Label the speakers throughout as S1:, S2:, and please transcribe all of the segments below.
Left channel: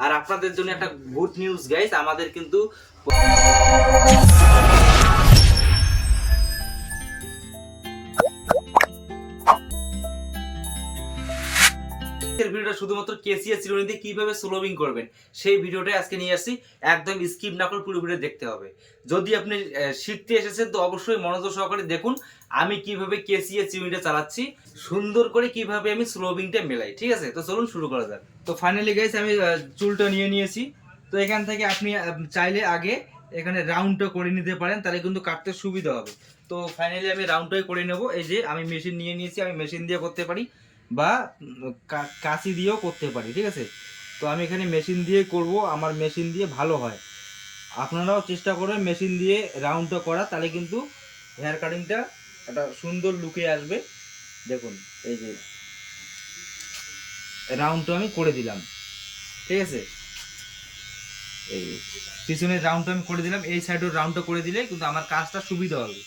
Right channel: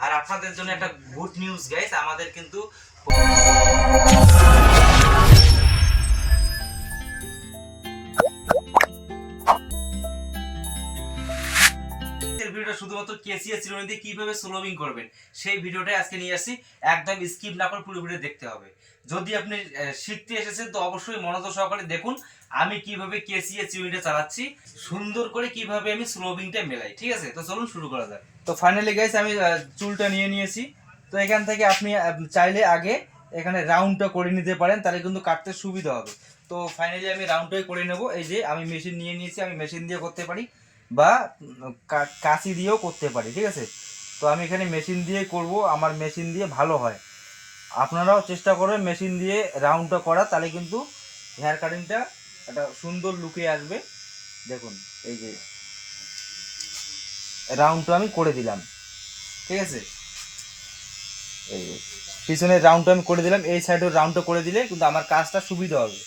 S1: আর আপনাদের জন্য একটা গুড নিউজ গাইস আমাদের কিন্তু শুধুমাত্র কেসিএস চিরুনি দিয়ে কীভাবে স্লোবিং করবেন, সেই ভিডিওটাই আজকে নিয়ে আসছি। একদম স্কিপ না করে পুরো ভিডিও দেখতে হবে। যদি আপনি শিখতে এসেছেন, তো অবশ্যই মনোযোগ সহকারে দেখুন, আমি কীভাবে কেসিএস চিরুনিটা চালাচ্ছি, সুন্দর করে কীভাবে আমি স্লোবিংটা মেলাই, ঠিক আছে? তো চলুন শুরু করা যাক। তো ফাইনালি গাইস আমি চুলটা নিয়ে নিয়েছি। তো এখান থেকে আপনি চাইলে আগে এখানে রাউন্ডটা করে নিতে পারেন, তাহলে কিন্তু কাটতে সুবিধা হবে। তো ফাইনালি আমি রাউন্ডটাই করে নেব। এই যে আমি মেশিন নিয়ে নিয়েছি, আমি মেশিন দিয়ে করতে পারি। বা কাঁচি দিয়েও করতে পারি, ঠিক আছে? তো আমি এখানে মেশিন দিয়ে করব, আমার মেশিন দিয়ে ভালো হয়। আপনারাও চেষ্টা করবেন মেশিন দিয়ে রাউন্ডটা করা, তাহলে কিন্তু হেয়ার কাটিংটা একটা সুন্দর লুকে আসবে। দেখুন, এই যে রাউন্ডটা আমি করে দিলাম, ঠিক আছে? এই যে, পিছনের রাউন্ডটা আমি করে দিলাম, এই সাইডের রাউন্ডটা করে দিলে কিন্তু আমার কাজটা সুবিধা হবে।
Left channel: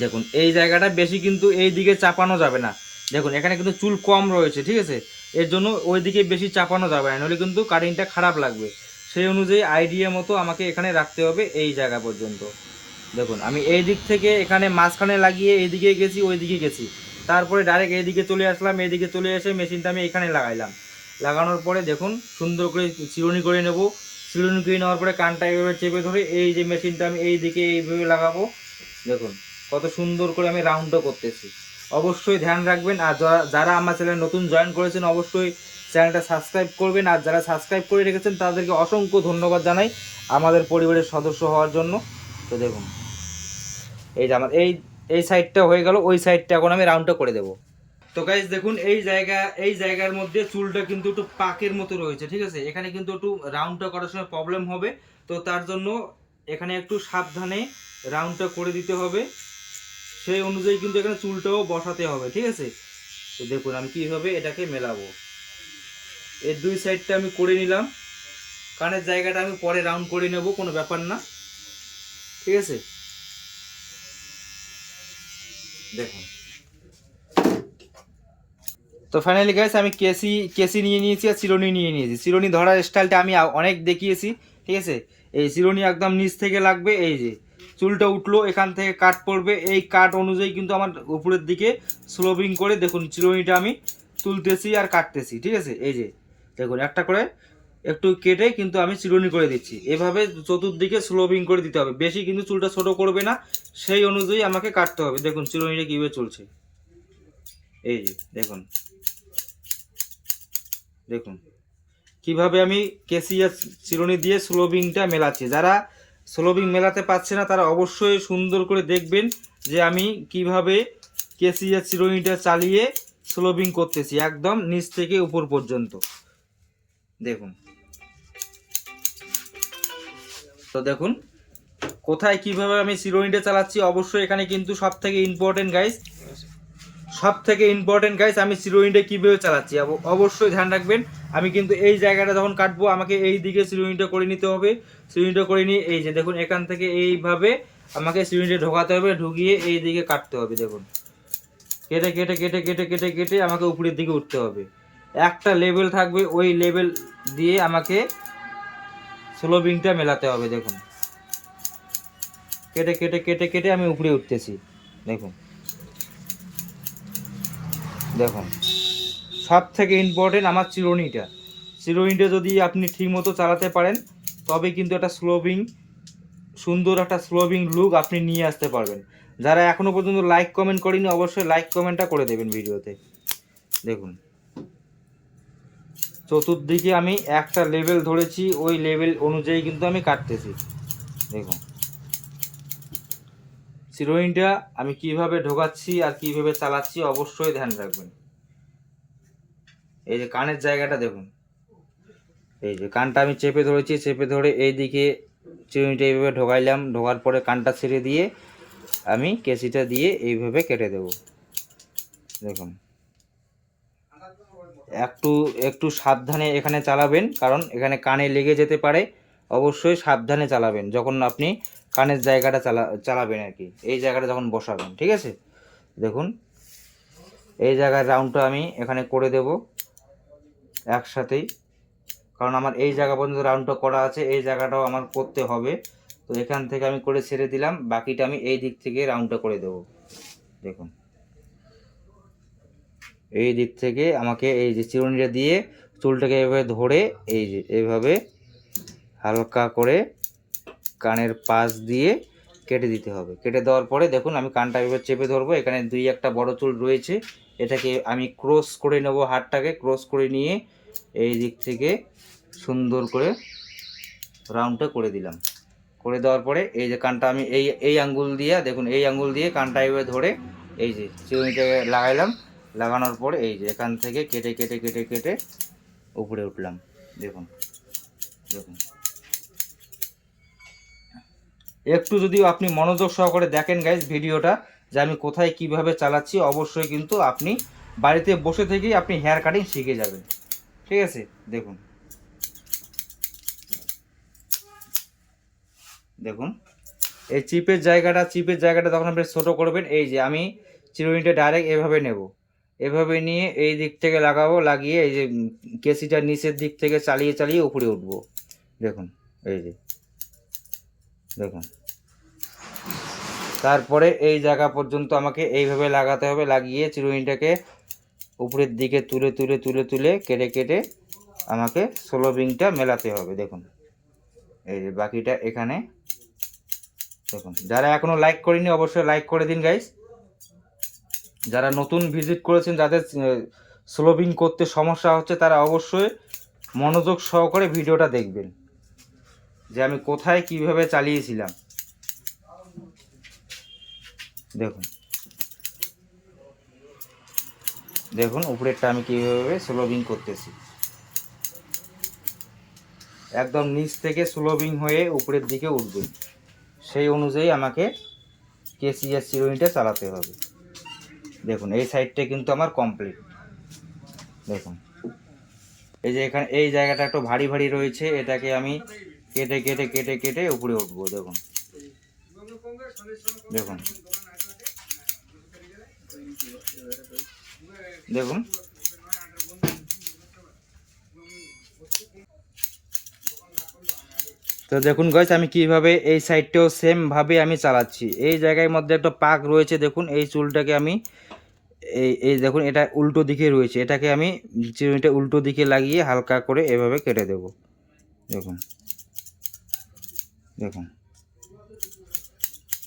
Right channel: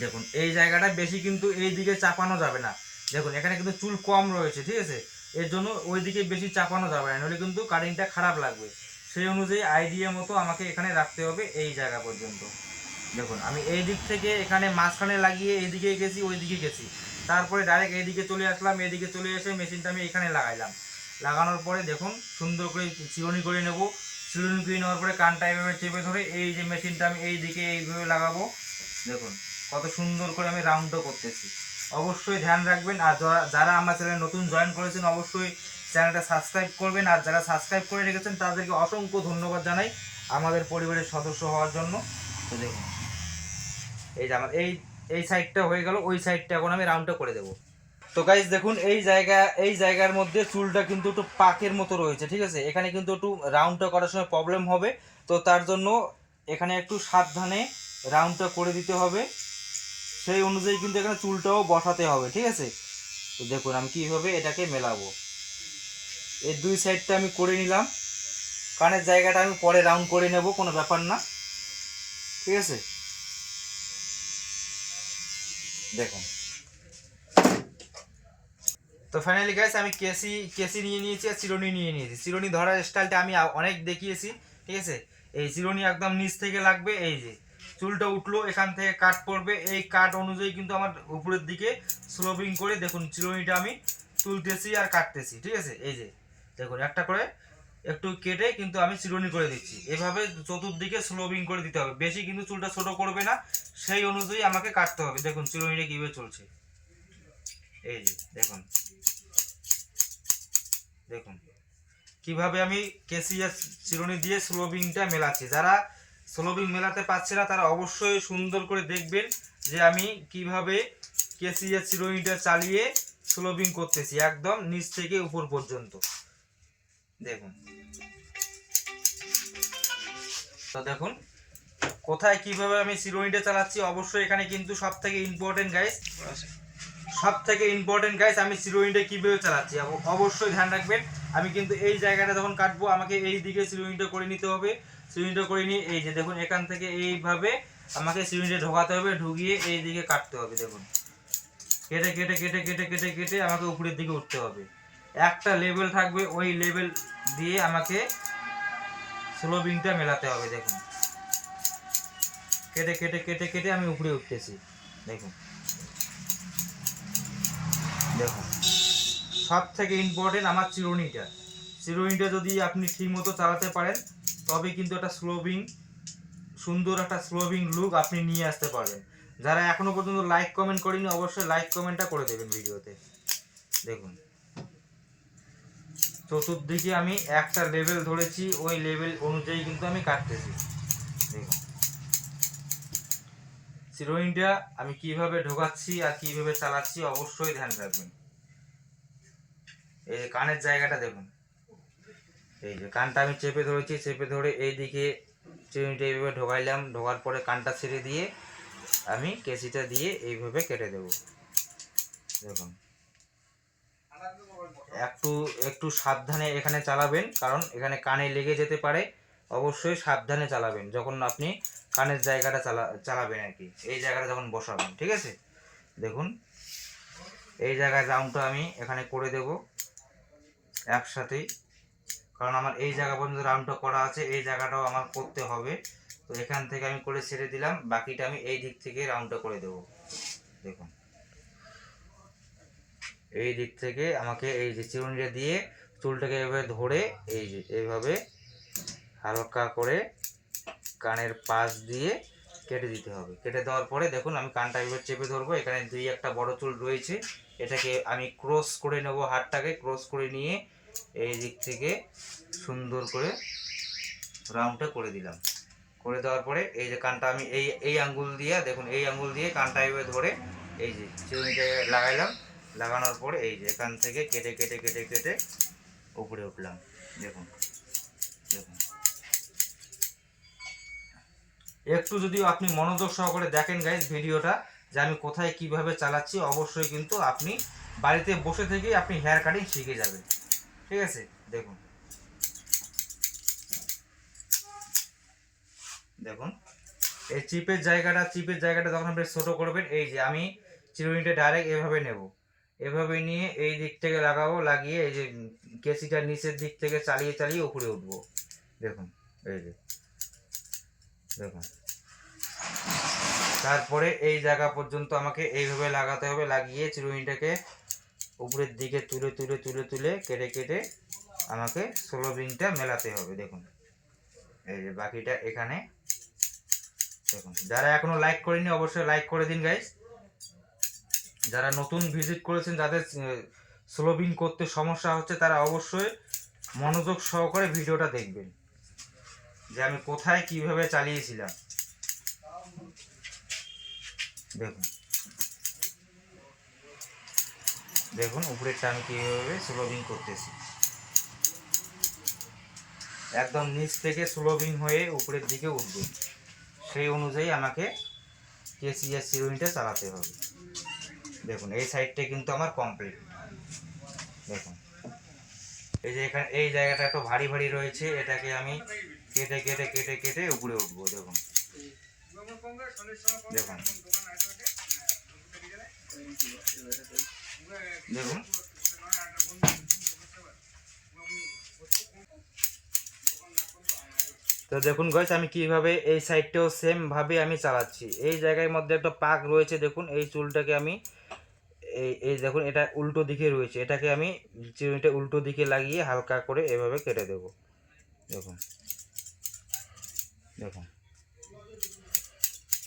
S1: দেখুন, এই জায়গাটা বেশি কিন্তু এই দিকে চাপানো যাবে না। দেখুন, এখানে কিন্তু চুল কম রয়েছে, ঠিক আছে? এর জন্য ওই দিকে বেশি চাপানো যাবে না নাহলে কিন্তু কাটিংটা খারাপ লাগবে। সেই অনুযায়ী আইডিয়া মতো আমাকে এখানে রাখতে হবে এই জায়গা পর্যন্ত। দেখুন, আমি এই দিক থেকে এখানে মাঝখানে লাগিয়ে এই দিকে গেছি ওই দিকে গেছি। তারপরে ডাইরেক্ট এই দিকে চলে আসলাম, এইদিকে চলে এসে মেশিনটা আমি এখানে লাগাইলাম। লাগানোর পরে দেখুন, সুন্দর করে চিরুনি করে নেব। চিরুনি করে নেওয়ার পরে কানটা এইভাবে চেপে ধরে এই যে মেশিনটা আমি এই দিকে এইভাবে লাগাবো। দেখুন, কত সুন্দর করে আমি রাউন্ডও করতেছি। অবশ্যই ধ্যান রাখবেন। আর যারা- আমার চ্যানেল নতুন জয়েন করেছেন, অবশ্যই চ্যানেলটা সাবস্ক্রাইব করবেন। আর যারা সাবস্ক্রাইব করে রেখেছেন, তাদেরকে অসংখ্য ধন্যবাদ জানাই আমাদের পরিবারের সদস্য হওয়ার জন্য। তো দেখুন, এই যে আমার এই এই সাইডটা হয়ে গেল, ওই সাইডটা এখন আমি রাউন্ডটা করে দেবো। তো গাইজ দেখুন, এই জায়গা এই জায়গার মধ্যে চুলটা কিন্তু একটু পাকের মতো রয়েছে, ঠিক আছে? এখানে কিন্তু একটু রাউন্ডটা করার সময় প্রবলেম হবে। তো তার জন্য এখানে একটু সাবধানে রাউন্ডটা করে দিতে হবে। সেই অনুযায়ী কিন্তু এখানে চুলটাও বসাতে হবে, ঠিক আছে? তো দেখুন, আমি কীভাবে এটাকে মেলাবো। এর দুই সাইডটা আমি করে নিলাম। কানের জায়গাটা আমি পরে রাউন্ড করে নেব, কোনো ব্যাপার না। ঠিক আছে? দেখুন। তো ফাইনালি গাইস আমি কেসি কেসি নিয়ে নিয়েছি আর চিরুনি নিয়ে নিয়েছি। চিরুনি ধরার স্টাইলটা আমি অনেক দেখিয়েছি, ঠিক আছে? এই চিরুনি একদম নিচ থেকে লাগবে, এই যে। চুলটা উঠল, এখান থেকে কাট পড়বে। এই কাট অনুযায়ী কিন্তু আমার উপরের দিকে স্লোবিং করে দেখুন চিরুনিটা আমি তুলতেছি আর কাটতেছি, ঠিক আছে? এই যে, দেখুন, একটা করে একটু কেটে কিন্তু আমি চিরুনি করে দিচ্ছি। এভাবে চতুর্দিকে স্লোবিং করে দিতে হবে। বেশি কিন্তু চুলটা ছোট করবে না, সেই অনুযায়ী আমাকে কাটতে হবে। দেখুন, চিরুনিটা কীভাবে চলছে। এই যে, দেখুন। দেখুন, কীভাবে আমি কেসিয়া চিরুনি দিয়ে স্লোবিংটা মেলাচ্ছি। যারা স্লোবিং মেলাতে পারছে না, তারা অবশ্যই সুন্দর করে দেখবেন যে আমি কীভাবে কেসিয়া চিরুনিটা চালিয়ে স্লোবিং করতেছি, একদম নিচ থেকে উপর পর্যন্ত। দেখুন। তো দেখুন, কোথায় কীভাবে আমি চিরুনিটা চালাচ্ছি, অবশ্যই এখানে কিন্তু সব থেকে ইম্পর্টেন্ট গাইস সব থেকে ইম্পর্টেন্ট গাইস আমি চিরুনিটা কীভাবে চালাচ্ছি? অব- অবশ্যই ধ্যান রাখবেন, আমি কিন্তু এই জায়গাটা যখন কাটবো, আমাকে এই দিকে চিরুনিটা করে নিতে হবে। চিরুনিটা করে নিয়ে এই যে দেখুন, এখান থেকে এইভাবে আমাকে চিরুনিটা ঢোকাতে হবে, ঢুকিয়ে এই দিকে কাটতে হবে, দেখুন। কেটে কেটে কেটে কেটে কেটে কেটে আমাকে উপরের দিকে উঠতে হবে। একটা লেভেল থাকবে, ওই লেভেল দিয়ে আমাকে স্লোবিংটা মেলাতে হবে, দেখুন। কেটে কেটে কেটে কেটে আমি উপরে উঠতেছি, দেখুন। দেখুন। সব থেকে ইম্পর্টেন্ট আমার চিরুনিটা। চিরুনিটা যদি আপনি ঠিকমতো চালাতে পারেন, তবে কিন্তু একটা স্লোবিং সুন্দর একটা স্লোবিং লুক আপনি নিয়ে আসতে পারবেন। যারা এখনও পর্যন্ত লাইক কমেন্ট করেনি অবশ্যই লাইক কমেন্টটা করে দেবেন ভিডিওতে। দেখুন। চতুর্দিকে আমি একটা লেভেল ধরেছি, ওই লেভেল অনুযায়ী কিন্তু আমি কাটতেছি। দেখুন। চিরুনিটা আমি কীভাবে ঢোকাচ্ছি আর কীভাবে চালাচ্ছি অবশ্যই ধ্যান রাখবেন। এই যে কানের জায়গাটা দেখুন। এই যে কানটা আমি চেপে ধরেছি, চেপে ধরে এইদিকে চিরুনিটা এইভাবে ঢোকাইলাম। ঢোকার পরে কানটা ছেড়ে দিয়ে আমি কেসিটা দিয়ে এইভাবে কেটে দেব। দেখুন। একটু একটু সাবধানে এখানে চালাবেন, কারণ এখানে কানে লেগে যেতে পারে। অবশ্যই সাবধানে চালাবেন। যখন আপনি কানের জায়গাটা চালা, চালাবেন আর কি। এই জায়গাটা যখন বসাবেন, ঠিক আছে? দেখুন, এই জায়গার রাউন্ডটা আমি এখানে করে দেব একসাথেই। কারণ আমার এই জায়গা পর্যন্ত রাউন্ডটা করা আছে, এই জায়গাটাও আমার করতে হবে। তো এখান থেকে আমি করে ছেড়ে দিলাম, বাকিটা আমি এই দিক থেকে রাউন্ডটা করে দেবো। দেখুন। এই দিক থেকে আমাকে এই যে চিরুনিটা দিয়ে চুলটাকে এভাবে ধরে, এই যে এইভাবে হালকা করে কানের পাশ দিয়ে কেটে দিতে হবে। কেটে দেওয়ার পরে দেখুন আমি কানটা এবার চেপে ধরবো। এখানে দুই একটা বড় চুল রয়েছে। এটাকে আমি ক্রস করে নেব হাতটাকে। ক্রস করে নিয়ে এই দিক থেকে সুন্দর করে রাউন্ডটা করে দিলাম। করে দেওয়ার পরে এই যে কানটা আমি এই এই আঙ্গুল দিয়ে, দেখুন এই আঙ্গুল দিয়ে কানটা এভাবে ধরে এই যে চিরুনিটাকে লাগাইলাম। লাগানোর পরে এই যে এখান থেকে কেটে কেটে কেটে কেটে উপরে উঠলাম। দেখুন দেখুন। একটু যদি আপনি মনোযোগ সহকারে দেখেন গাইজ ভিডিওটা যে আমি কোথায় কীভাবে চালাচ্ছি অবশ্যই কিন্তু আপনি বাড়িতে বসে থেকেই আপনি হেয়ার কাটিং শিখে যাবেন। ঠিক আছে? দেখুন। দেখুন। এই চিপের জায়গাটা চিপের জায়গাটা তখন আপনি ছোটো করবেন এই যে আমি চিরুনিটা ডাইরেক্ট এভাবে নেব। এভাবে নিয়ে এই দিক থেকে লাগাবো লাগিয়ে এই যে উম, কেসিটার নিচের দিক থেকে চালিয়ে চালিয়ে উপরে উঠবো। দেখুন এই যে। দেখুন। তারপরে এই জায়গা পর্যন্ত আমাকে এইভাবে লাগাতে হবে, লাগিয়ে চিরুনিটাকে উপরের দিকে তুলে তুলে তুলে তুলে কেটে কেটে আমাকে ষোলো বিংটা মেলাতে হবে, দেখুন। এই যে বাকিটা এখানে, দেখুন। যারা এখনও লাইক করেনি অবশ্যই লাইক করে দিন গাইস যারা নতুন ভিজিট করেছেন, যাদের স্লোবিং করতে সমস্যা হচ্ছে, তারা অবশ্যই মনোযোগ সহকারে ভিডিওটা দেখবেন। যে আমি কোথায় কীভাবে চালিয়েছিলাম। দেখুন। দেখুন, উপরেরটা আমি কীভাবে স্লোবিং করতেছি। একদম নিচ থেকে স্লোবিং হয়ে উপরের দিকে উঠবে। সেই অনুযায়ী আমাকে কেসিএস চিরুনিটা চালাতে হবে। দেখুন, এই সাইডটা কিন্তু আমার কমপ্লিট। দেখুন। এই যে এখানে, এই জায়গাটা একটু ভারী ভারী রয়েছে, এটাকে আমি কেটে কেটে কেটে কেটে উপরে উঠবো, দেখুন। দেখুন। দেখুন। তো দেখুন গাইস আমি কীভাবে এই সাইডটাও সেম ভাবে আমি চালাচ্ছি। এই জায়গার মধ্যে একটা পাক রয়েছে, দেখুন। এই চুলটাকে আমি এই এই দেখুন, এটা উল্টো দিকে রয়েছে। এটাকে আমি চিরুনিটা উল্টো দিকে লাগিয়ে হালকা করে এভাবে কেটে দেব। দেখুন। দেখুন।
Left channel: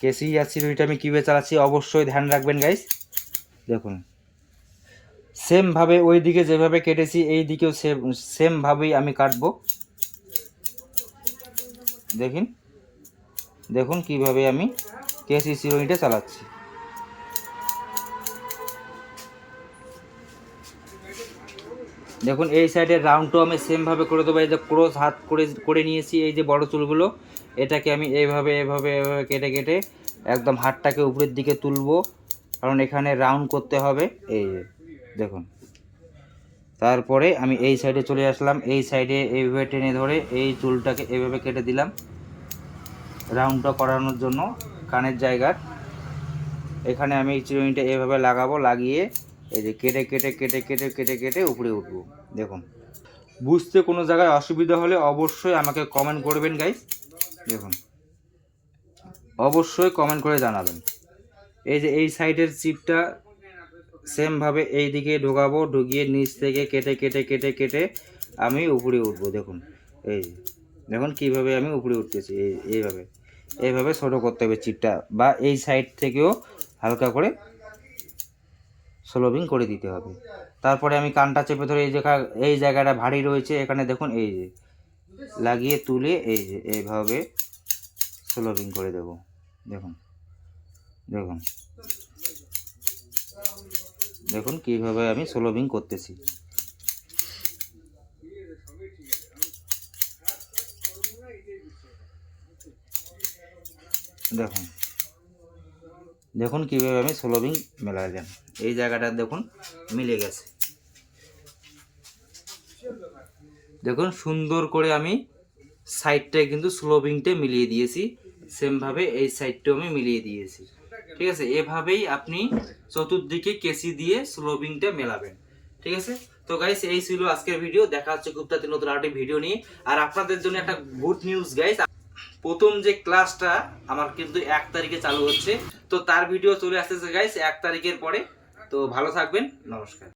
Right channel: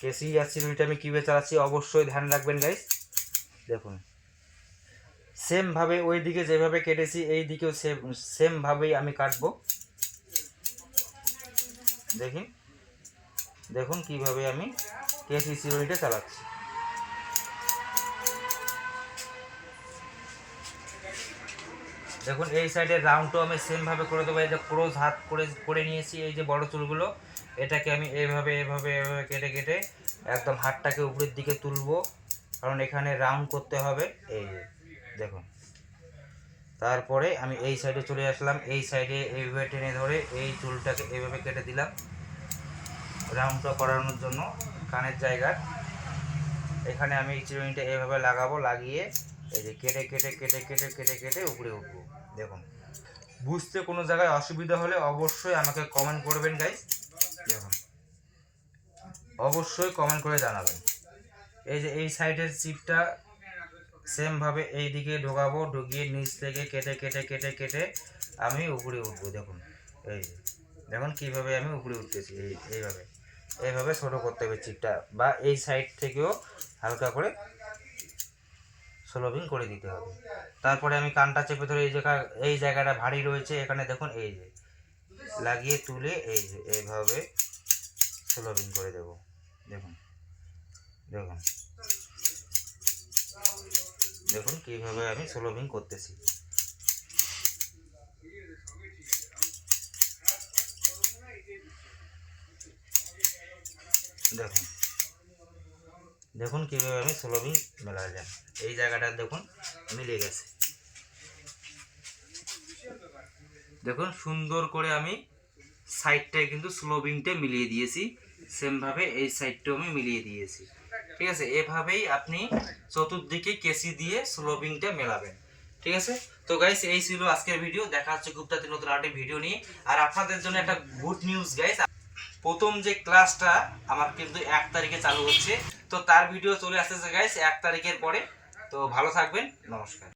S1: কেসি আর চিরুনিটা আমি কীভাবে চালাচ্ছি অবশ্যই ধ্যান রাখবেন গাইস দেখুন। সেমভাবে ওই দিকে যেভাবে কেটেছি এই দিকেও সেম সেমভাবেই আমি কাটব। দেখুন। দেখুন কীভাবে আমি কেসি চিরুনিটা চালাচ্ছি। দেখুন, এই সাইডের রাউন্ডটাও আমি সেমভাবে করে দেবো। এই যে ক্রোজ হাত করে করে নিয়েছি এই যে বড় চুলগুলো, এটাকে আমি এইভাবে এভাবে এভাবে কেটে কেটে একদম হাতটাকে উপরের দিকে তুলবো। কারণ এখানে রাউন্ড করতে হবে। এই দেখুন। তারপরে আমি এই সাইডে চলে আসলাম। এই সাইডে এইভাবে টেনে ধরে এই চুলটাকে এইভাবে কেটে দিলাম। রাউন্ডটা করানোর জন্য কানের জায়গার। এখানে আমি চিরুনিটা এইভাবে লাগাবো, লাগিয়ে এই যে কেটে কেটে কেটে কেটে কেটে কেটে উপরে উঠবো। দেখুন। বুঝতে কোনো জায়গায় অসুবিধা হলে অবশ্যই আমাকে কমেন্ট করবেন গাইস দেখুন। অবশ্যই কমেন্ট করে জানাবেন। এই যে এই সাইডের চিপটা সেমভাবে এই দিকে ঢোকাবো, ঢুকিয়ে নিচ থেকে কেটে কেটে কেটে কেটে আমি উপরে উঠবো, দেখুন। এই। দেখুন কীভাবে আমি উপরে উঠতেছি, এই, এইভাবে। এইভাবে ছোটো করতে হবে চিপটা বা এই সাইড থেকেও হালকা করে স্লোবিং করে দিতে হবে। তারপরে আমি কানটা চেপে ধরে এই জায়গা এই জায়গাটা ভারী রয়েছে, এখানে দেখুন এই যে। লাগিয়ে তুলে এই যে, এইভাবে স্লোবিং করে দেব। দেখুন দেখুন। দেখুন কীভাবে আমি স্লোবিং করতেছি। দেখুন দেখুন কীভাবে আমি স্লোবিং মেলায় যান এই জায়গাটা দেখুন মিলে গেছে। দেখুন সুন্দর করে আমি সাইডটায় কিন্তু স্লোবিংটা মিলিয়ে দিয়েছি, সেমভাবে এই সাইডটাও আমি মিলিয়ে দিয়েছি। ঠিক আছে? এভাবেই আপনি চতুর্দিকে কেসি দিয়ে স্লোবিংটা মেলাবেন। ঠিক আছে? তো গাইস এই ছিল আজকের ভিডিও দেখা হচ্ছে খুব তাড়াতাড়ি নতুন আরেকটি ভিডিও নিয়ে। আর আপনাদের জন্য একটা গুড নিউজ গাইস প্রথম যে ক্লাসটা আমার কিন্তু এক তারিখে চালু হচ্ছে। তো তার ভিডিও চলে আসতেছে গাইস এক তারিখের পরে। তো ভালো থাকবেন। নমস্কার।